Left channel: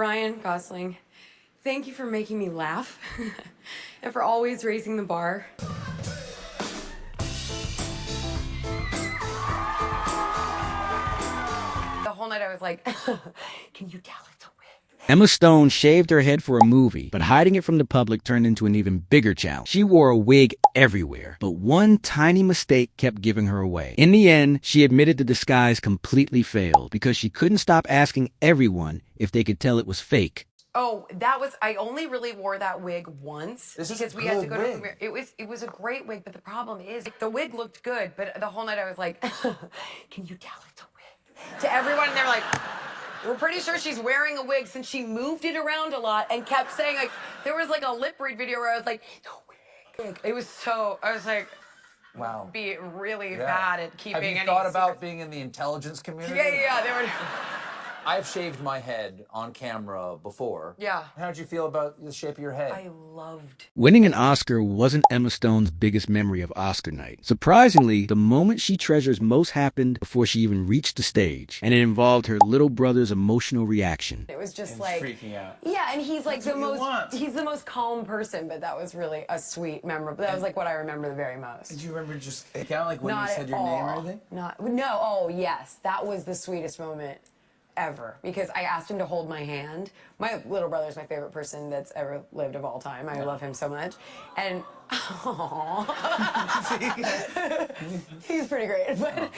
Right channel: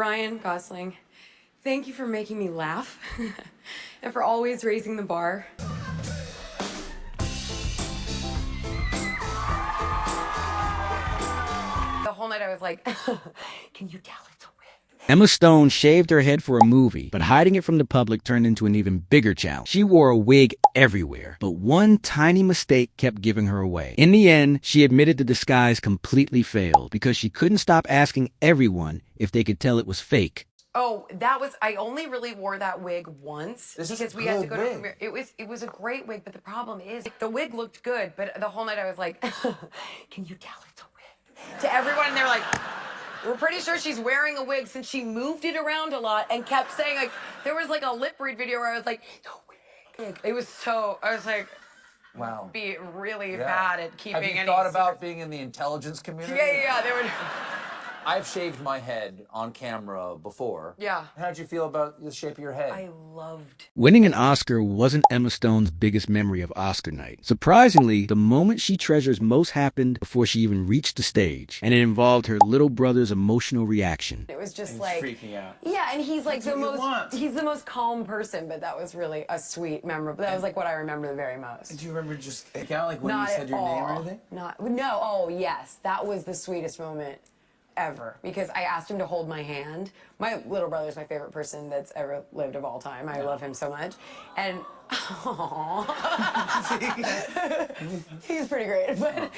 Ryan Gosling, thank you for making me laugh and for always raising the bar. The whole night I was like, can you tell it's a wig? Emma Stone shaved her head for a movie, but hiding it from the public turned into an even bigger challenge. She wore a wig everywhere, but one tiny mistake kept giving her away. In the end, she admitted the disguise completely failed because she couldn't stop asking everyone if they could tell it was fake. Oh, I only really wore that wig once because we had to go to premiere. It was a great wig, but the problem is the wig looked good, but the whole night I was like, can you tell it's a wig? To everyone, and they were like, we're pretty sure she's wearing a wig since she moved it around a lot and kept saying, like, there was like a lip read video where I was like, no wig. It was so, I was like, wow, be really bad at keeping any. Have you thought about being in the intelligence community? Yeah, they were. I've shaved my head on camera before. Yeah. How'd you feel about the shape of your head? I loved. Winning an Oscar wasn't Emma Stone's biggest memory of Oscar night. Surprisingly, the moment she treasures most happened before she even reached the stage, and it involved her little brother's emotional reaction. It was just like freaking out. Yeah, and he's like he's the most calm person, but that was really a sweet memory. That was like what I remember the very most. Do you remember just kind of like when Not you said your name or anything? No. Oh yes, that was the sweetest moment ever, because I asked him to hold my hand. My little brother's my favorite person that's ever lived of all time. I love him so much. And he's pretty great. But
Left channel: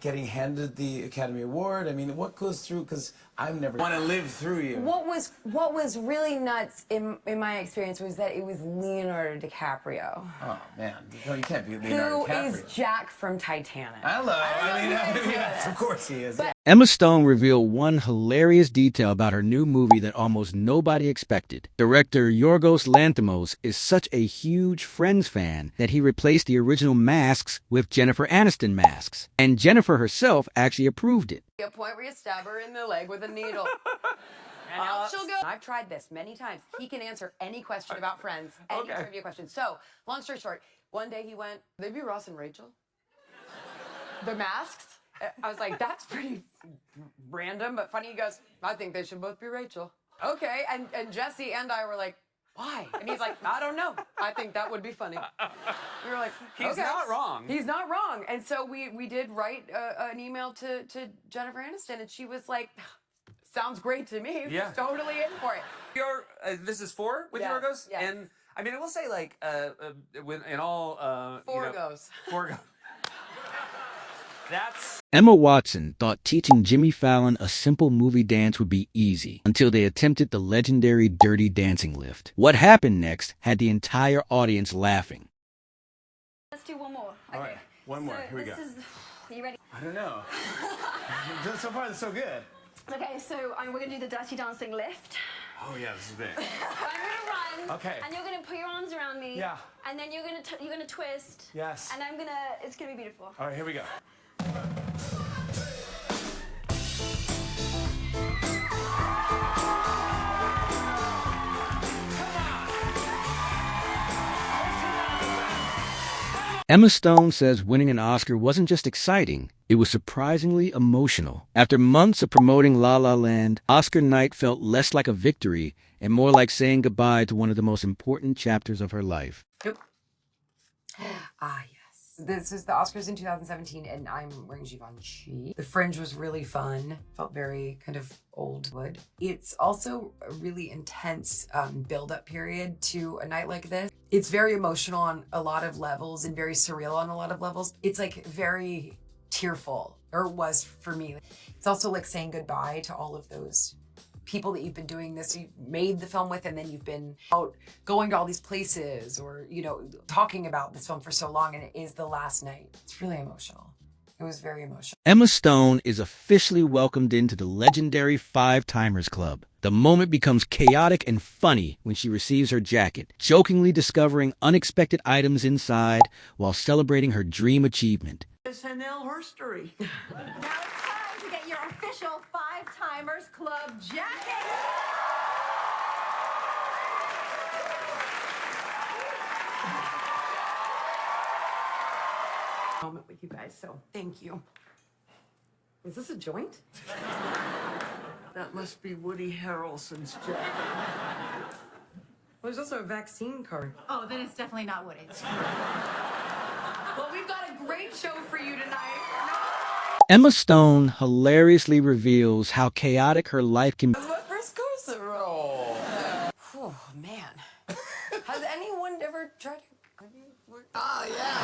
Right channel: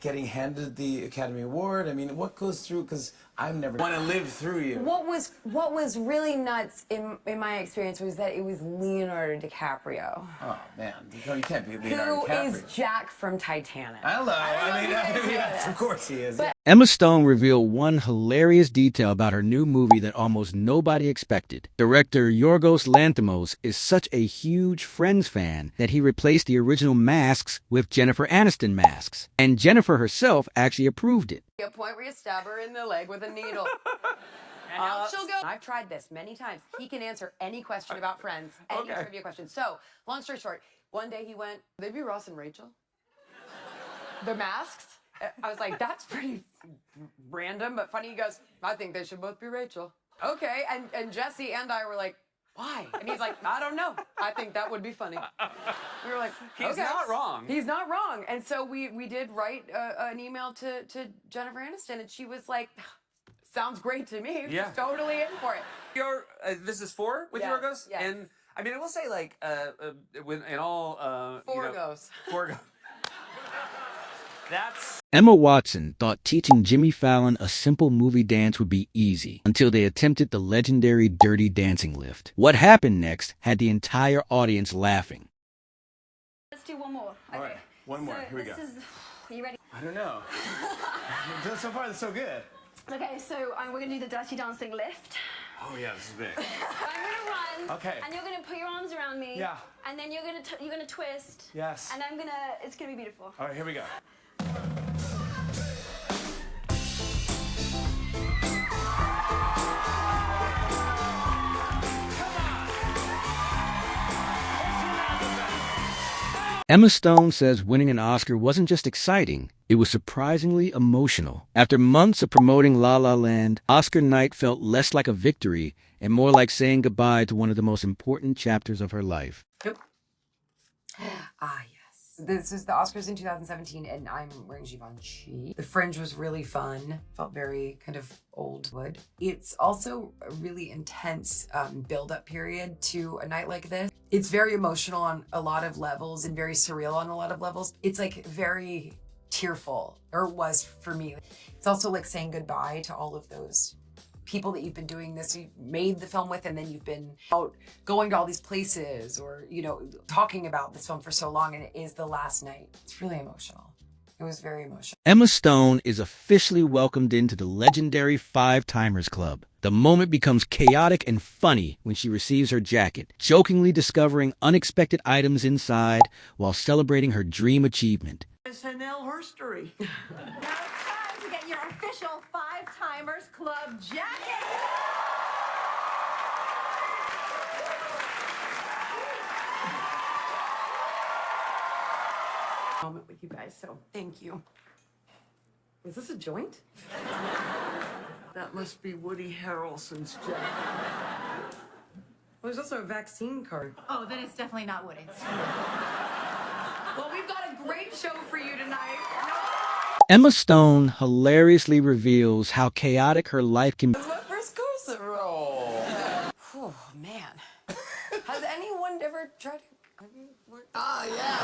getting handed the Academy Award, I mean, what goes through, because I've never want to live through you. What was really nuts in my experience was that it was Leonardo DiCaprio. Oh man, you can't be Leonardo DiCaprio. Who is Jack from Titanic. Hello, I mean yes, of course he is. But Emma Stone revealed one hilarious detail about her new movie that almost nobody expected. Director Yorgos Lanthimos is such a huge Friends fan that he replaced the original masks with Jennifer Aniston masks. And Jennifer herself actually approved it. a point where you stab her in the leg with a needle. And out she'll go. I've tried this many times. He can answer any question about Friends, any trivia question. So, long story short, one day he went, they be Ross and Rachel? The masks? I was like, that's pretty random, but funny. He goes, I think they should both be Rachel. Okay, and Jesse and I were like, why? And he's like, I don't know. I think that would be funny. We were like, He's not wrong. He's not wrong. And so we did write an email to Jennifer Aniston, and she was like, sounds great to me. Yeah. Totally in for it. This is 4 with Yes, Yorgos? yes. And I mean, I will say, like, in all, Four goes. That's... Emma Watson thought teaching Jimmy Fallon a simple movie dance would be easy until they attempted the legendary Dirty Dancing lift. What happened next had the entire audience laughing. Let's do one more. All right, one more. Here we go. Are you ready? I don't know. So far, it's so good. Okay, so we're going to do the Dirty Dancing lift. Oh yeah, this is big. I'm going to run. Okay. And you're going to put your arms around me. Yeah. And then you're going to twist. Yes. And it's going to be beautiful. All right, here we go. Emma Stone says winning an Oscar wasn't just exciting, it was surprisingly emotional. After months of promoting La La Land, Oscar night felt less like a victory and more like saying goodbye to one of the most important chapters of her life. Ah, yes. This is the Oscars in 2017, and I'm wearing Givenchy. The fringe was really fun. Felt very kind of old wood. It's also a really intense build-up period to a night like this. It's very emotional on a lot of levels and very surreal on a lot of levels. It's like very tearful, or it was for me. It's also like saying goodbye to all of those people that you've been doing this, you made the film with, and then you've been out going to all these places or, you know, talking about this film for so long, and it is the last night. It's really emotional. It was very emotional. Emma Stone is officially welcomed into the legendary Five Timers Club. The moment becomes chaotic and funny when she receives her jacket, jokingly discovering unexpected items inside while celebrating her dream achievement. SNL history. Now it's time to get your official Five Timers Club jacket. Moment with you guys, so thank you. Is this a joint? That must be Woody Harrelson's jacket. Well, there's also a vaccine card. Oh, then it's definitely not Woody. Well, we've got a great show for you tonight. Emma Stone hilariously reveals how chaotic her life can be. This is my first corset roll. Oh, man. Has anyone ever tried to... Ah, yeah.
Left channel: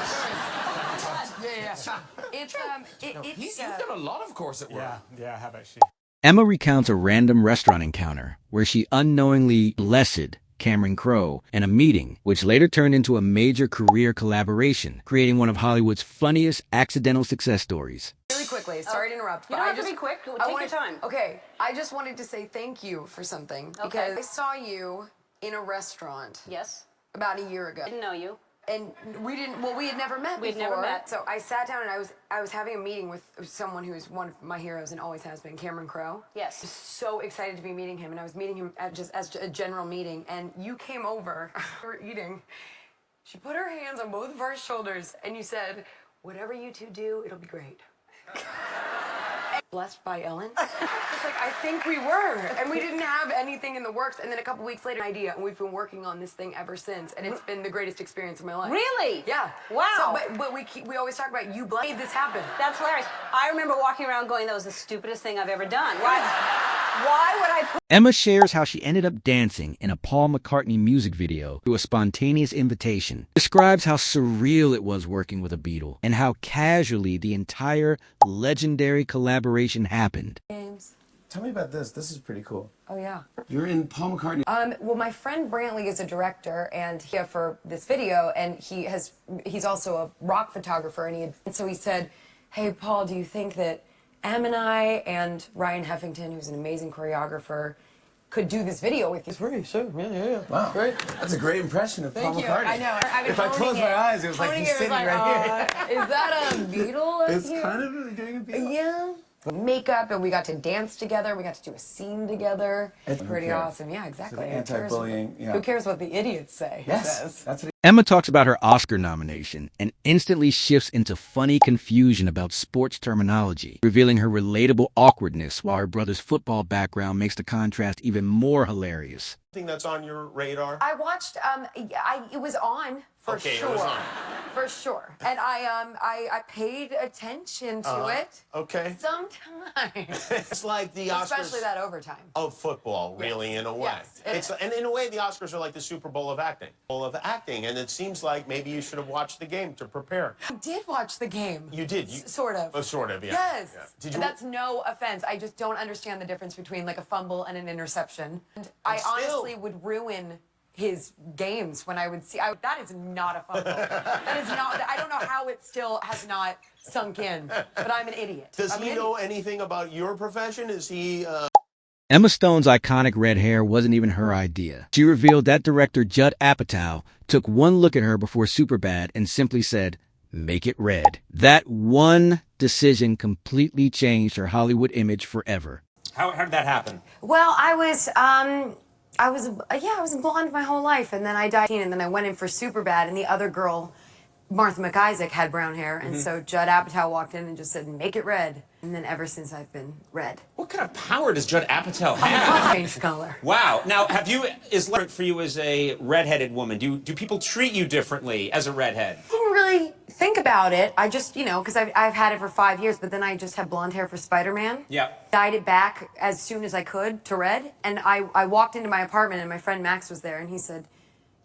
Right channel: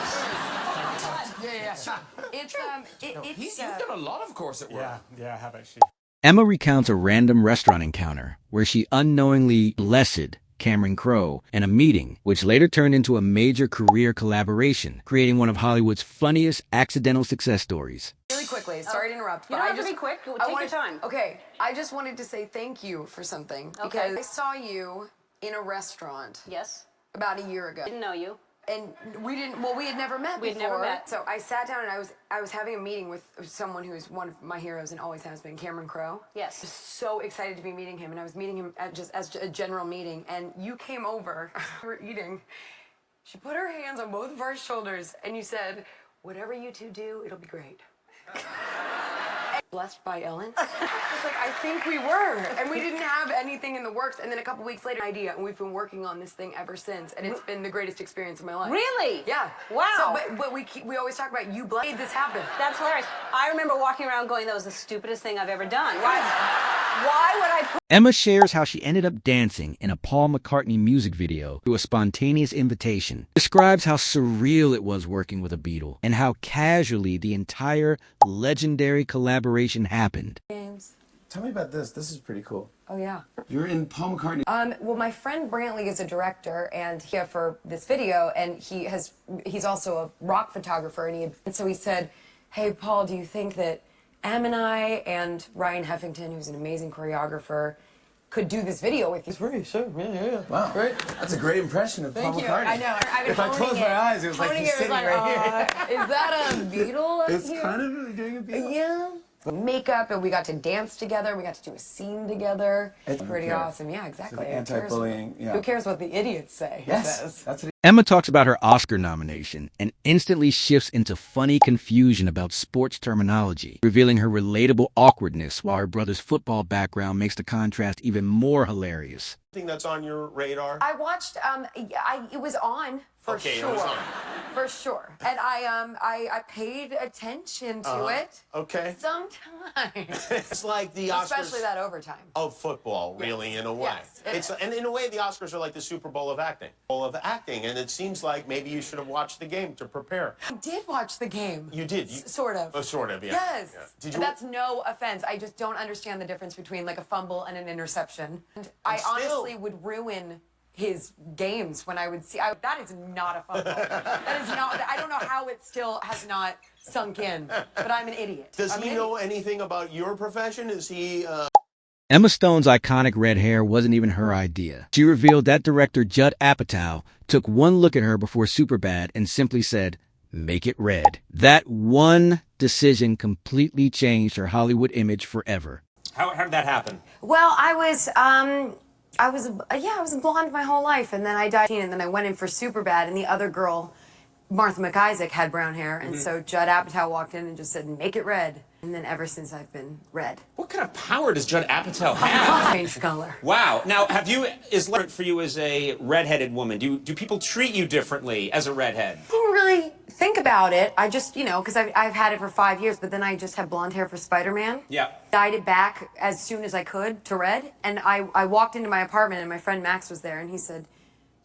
You've done a lot of corset work. Yeah, I have actually. Emma recounts a random restaurant encounter where she unknowingly blessed Cameron Crowe in a meeting, which later turned into a major career collaboration, creating one of Hollywood's funniest accidental success stories. Really quickly, sorry to interrupt. You don't have to be quick. Take your time. Okay, I just wanted to say thank you for something. Okay. Because I saw you in a restaurant Yes. about a year ago. Didn't know you. And we had never met We'd before. never met. So I sat down and I was having a meeting with someone who's one of my heroes and always has been, Cameron Crowe. Yes. Just so excited to be meeting him, and I was meeting him just as a general meeting, and you came over. We were eating. She put her hands on both of our shoulders, and you said, "Whatever you two do, it'll be great." Blessed by Ellen. I was like, I think we were, and we didn't have anything in the works. And then a couple weeks later, an idea, and we've been working on this thing ever since, and it's been the greatest experience of my life. Really? Yeah. Wow. So, but we always talk about you made this happen. That's hilarious. I remember walking around going, that was the stupidest thing I've ever done. Why would I put... Emma shares how she ended up dancing in a Paul McCartney music video through a spontaneous invitation, describes how surreal it was working with a Beatle, and how casually the entire legendary collaboration happened. James. Tell me about this. This is pretty cool. Oh yeah. You're in Paul McCartney. Well, my friend Brantley is a director, and here for this video, and he's also a rock photographer, and so he said, "Hey, Paul, do you think that Em and I and Ryan Heffington, who's an amazing choreographer, could do this video with you?" It's pretty sure. Yeah. Wow. Great. That's a great impression of Paul Thank you. McCartney. I know. If I close my eyes, it was like he's sitting right here. Is that a Beatle? It's kind of doing a Beatle. Yeah. Makeup, and we got to dance together. We got to do a scene together. It's pretty Okay. awesome. Yeah, exactly. So the Who cares anti-bullying, what- yeah. Who cares what the idiots say? he Yes, says. that's what Emma talks about her Oscar nomination and instantly shifts into funny confusion about sports terminology, revealing her relatable awkwardness while her brother's football background makes the contrast even more hilarious. That's on your radar? I watched. It was on for Okay, sure. it was on. For sure. And I paid attention to it. Okay. Sometimes. It's like the Oscars Especially that overtime. of football, really, in a way. Yes, it is. And in a way, the Oscars are like the Super Bowl of acting. And it seems like maybe you should have watched the game to prepare. I did watch the game. You did? Sort of. Oh, sort of, yeah. Yes. Yeah. Did you? That's no offense. I just don't understand the difference between like a fumble and an interception. And I still- honestly would ruin his games when I would see. That is not a fumble. That is not. I don't know how it still has not sunk in. But I'm an idiot. Does I'm he an know idiot. anything about your profession? Is he... Emma Stone's iconic red hair wasn't even her idea. She revealed that director Judd Apatow took one look at her before Superbad and simply said, "Make it red." That one decision completely changed her Hollywood image forever. How did that happen? Well, I was blonde my whole life, and then I died, and then I went in for Superbad, and the other girl, Martha McIsaac, had brown hair, and so Judd Apatow walked in and just said, "Make it red," and then ever since I've been red. What kind of power does Judd Apatow have? Change color. Wow. Now, is it for you as a redheaded woman? Do people treat you differently as a redhead? I didn't really think about it. I just, because I've had it for 5 years, but then I just had blonde hair for Spider-Man. Yeah. Dyed it back as soon as I could to red, and I walked into my apartment, and my friend Max was there, and he said,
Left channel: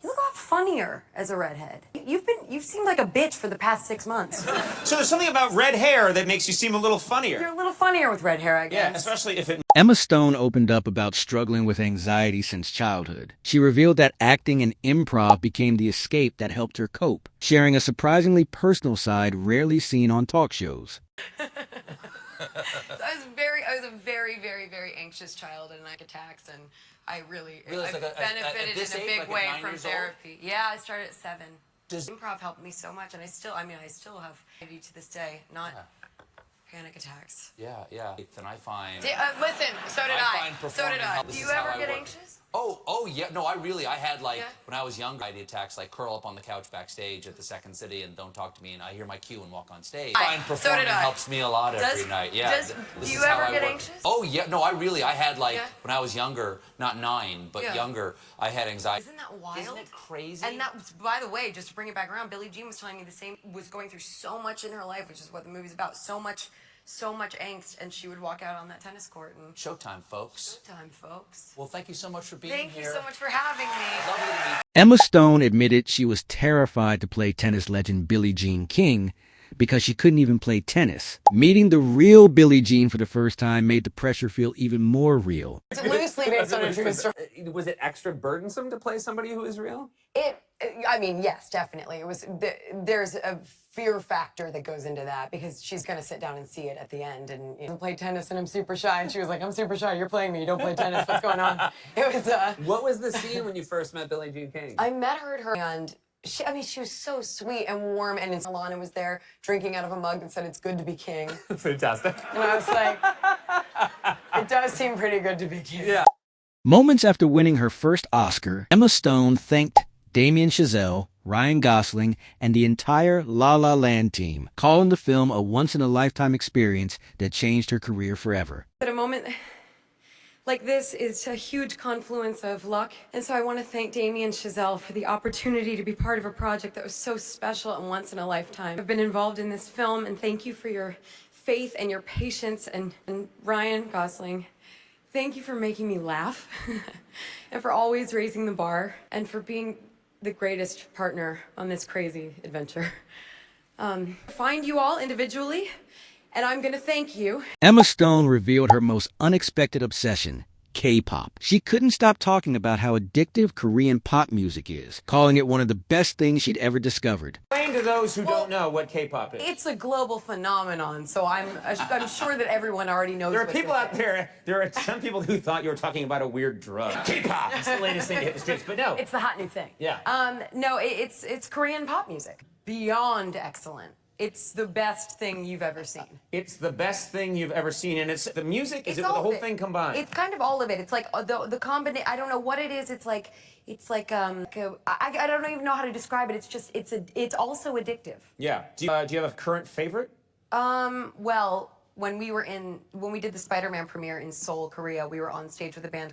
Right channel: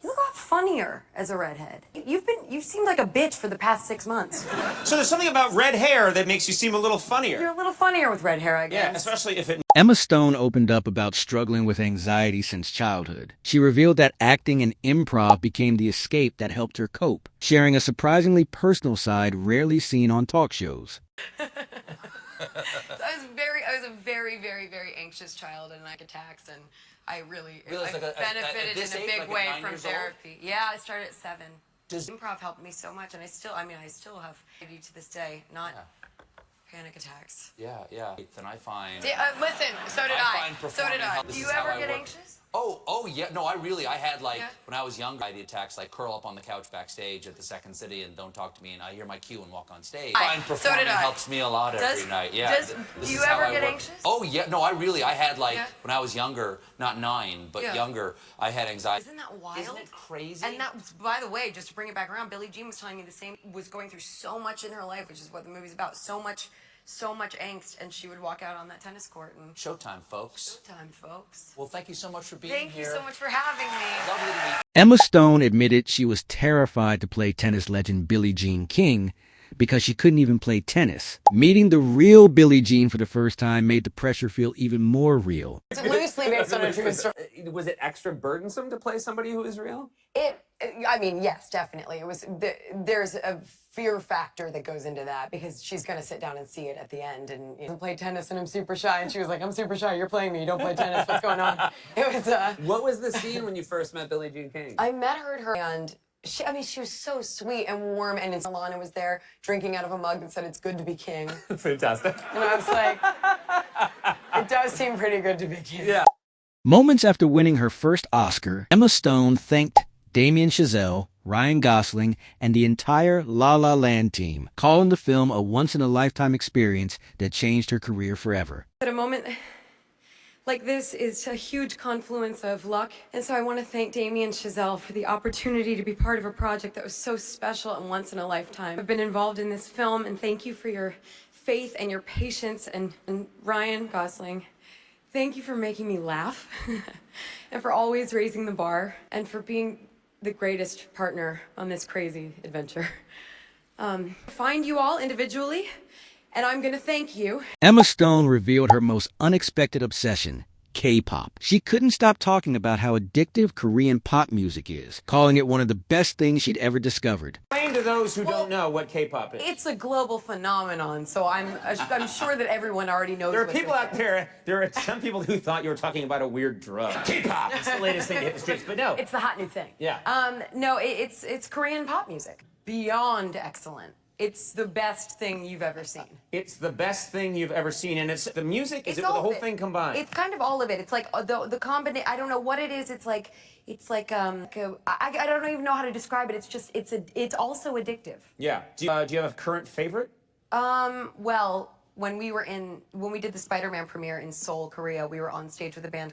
"You look a lot funnier as a redhead. You've seemed like a bitch for the past 6 months. So there's something about red hair that makes you seem a little You're funnier. a little funnier with red hair, I guess." Yeah, especially if it... Emma Stone opened up about struggling with anxiety since childhood. She revealed that acting and improv became the escape that helped her cope, sharing a surprisingly personal side rarely seen on talk shows. I was a very, very, very anxious child, and attacks, and I really benefited this in a age, big like at way 9 from years old? therapy. Yeah, I started at 7. Improv helped me so much, and I still have anxiety to this day, not panic attacks. Yeah. And I find... Listen, so did I I. find So did performing I. help- Do this you is how ever I get work. anxious? Oh yeah. No, I had like when I was younger, I had attacks like curl up on the couch backstage at the Second City and don't talk to me, and I hear my cue and walk on stage. Fine performing helps me a lot every night. Yeah. Do you ever get anxious? Oh yeah. No, I had like when I was younger, not 9, but younger, I had anxiety. Isn't that wild? Isn't it crazy? And that was, by the way, just to bring it back around, Billie Jean was telling me the same, was going through so much in her life, which is what the movie's about, so much angst, and she would walk out on that tennis court and Showtime, folks. Showtime, folks. Well, thank you so much for being Thank here. you so much for having me. Lovely to meet you. Emma Stone admitted she was terrified to play tennis legend Billie Jean King because she couldn't even play tennis. Meeting the real Billie Jean for the first time made the pressure feel even more real. It's loosely based on a true story. Was it extra burdensome to play somebody who is real? I mean, yes, definitely. It was. There's a fear factor that goes into that because she's gonna sit down and see it at the end. And you know, play tennis, and I'm super shy. And she was like, "I'm super shy. You're playing me. You don't play tennis. What's going on?" It was. What was the scene when you first met Billie Jean King? I met her at her and. She was so sweet and warm, and Alana was there drinking out of a mug that said, "It's good to be king." Fantastic. And I was like, it does seem pretty good to be king. Yeah. Moments after winning her first Oscar, Emma Stone thanked Damien Chazelle, Ryan Gosling, and the entire La La Land team, calling the film a once-in-a-lifetime experience that changed her career forever. At a moment like this is a huge confluence of luck, and so I want to thank Damien Chazelle for the opportunity to be part of a project that was so special and once in a lifetime. I've been involved in this film, and thank you for your faith and your patience, and Ryan Gosling, thank you for making me laugh, and for always raising the bar, and for being the greatest partner on this crazy adventure. Find you all individually, and I'm gonna thank you. Emma Stone revealed her most unexpected obsession, K-pop. She couldn't stop talking about how addictive Korean pop music is, calling it one of the best things she'd ever discovered. Explain to those who don't know what K-pop is. It's a global phenomenon, so I'm sure that everyone already knows. There are what people this out is. there are some people who thought you were talking about a weird drug. K-pop, it's the latest thing to hit the streets, but no. It's the hot new thing. Yeah. No, it's Korean pop music. Beyond excellent. It's the best thing you've ever seen. It's the best thing you've ever seen, and it's the music. Is it all the of whole it. thing combined? It's kind of all of it. It's like the combination. I don't know what it is. It's like I don't even know how to describe it. It's just it's also addictive. Yeah. Do you have a current favorite? Well, when we did the Spider-Man premiere in Seoul, Korea, we were on stage with a band